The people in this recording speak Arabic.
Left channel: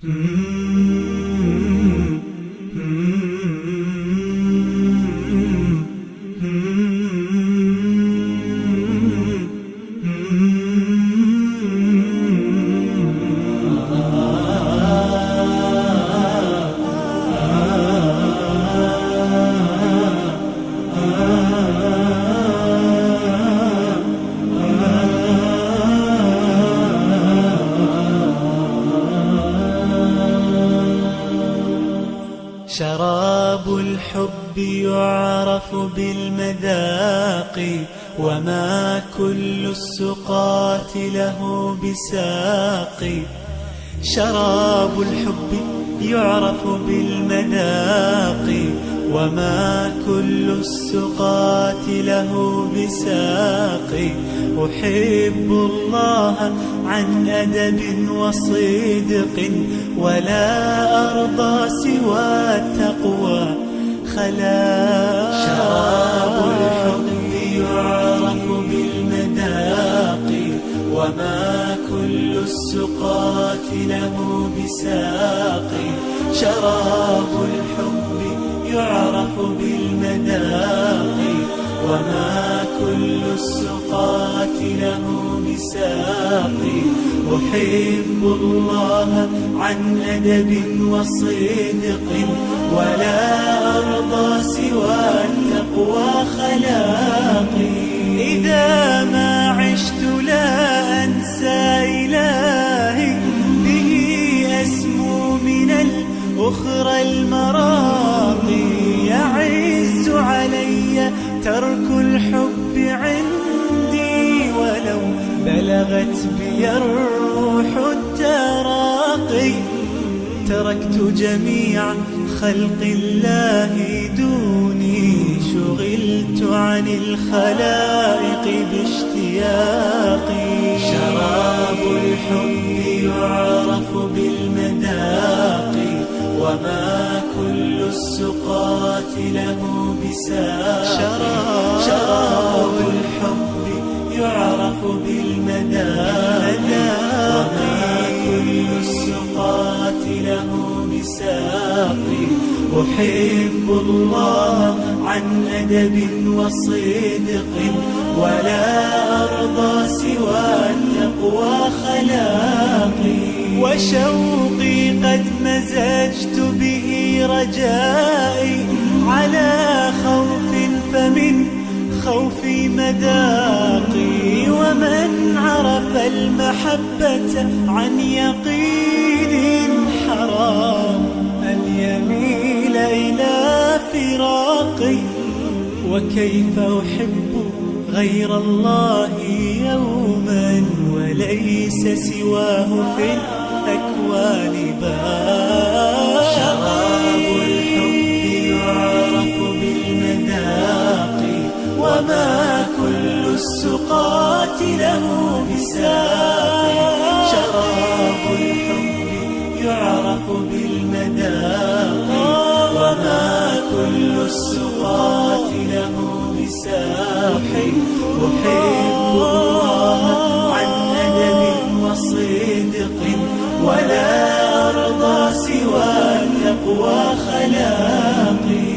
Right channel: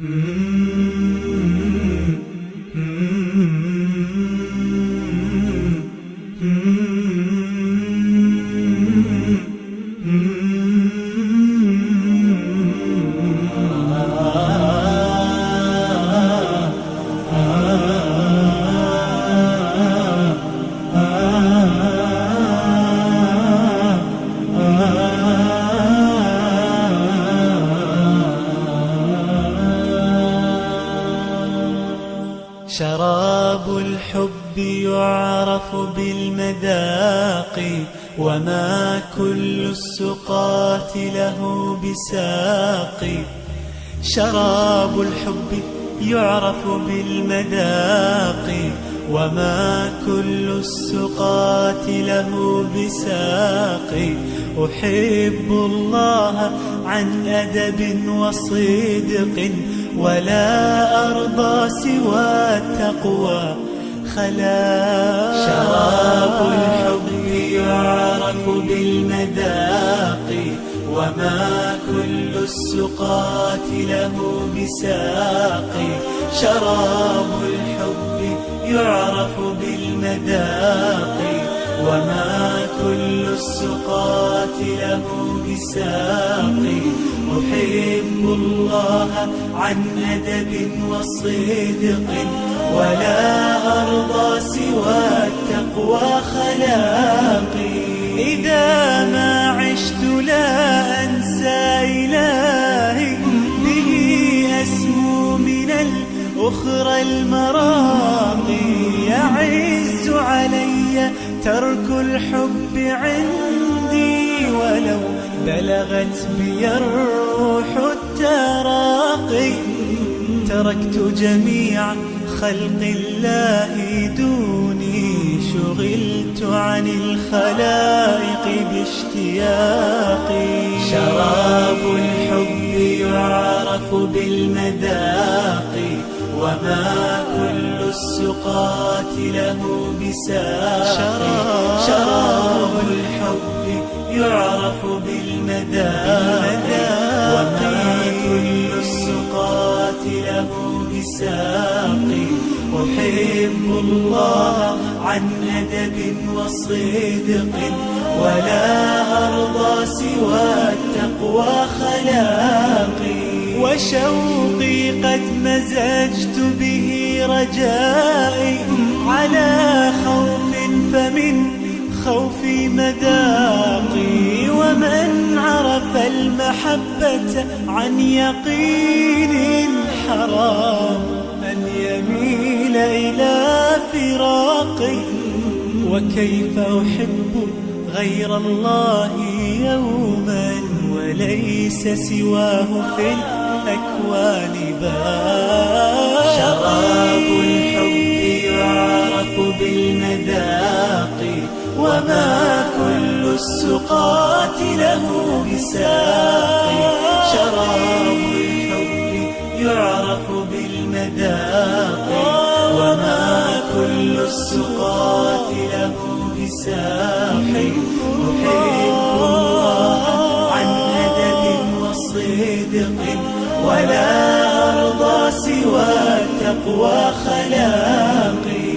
شراب الحب يعرف بالمذاق، وما كل السقاة له بساق. شراب الحب يعرف بالمذاق، وما كل السقاة له بساق. أحب الله عن أدب وصدق، ولا أرضى سوى التقوى خلاق. شراب الحب يعرف بالمذاق، وما كل السقاة له بساق. شراب الحب يعرف بالمذاق، وما كل السقاة له بساق. أحب الله عن أدب وصدق، ولا أرضى سوى التقوى خلاقي. إذا ما عشت لا أنسى إلهي، به أسمو من الأخرى المراقي. يعز علي ترك الحب عندي، ولو بلغت بي الروح التراقي. تركت جميع خلق الله دوني، شغلت عن الخلائق باشتياقي. شراب الحب يعرف بالمذاق، وما كل السقاة له بساق. شراب الحب يعرف بالمذاق، وما كل السقاة له بساق. أحب الله عن أدب وصدق، ولا أرضى سوى التقوى خلاقي. وشوقي قد مزجت به رجائي، على خوف فمن خوفي مذاقي. ومن عرف المحبة عن يقين، حرام أن يميل إلى فراقي. وكيف أحب غير الله يوما، وليس سواه في الأكوان باقي. شراب الحب يعرف بالمذاق، وما كل السقاة له بساق. شراب الحب يعرف بالمذاق، وما كل السقاة له بساق. أحب الله عن أدب وصدق، ولا أرضى سوى التقوى خلاقي.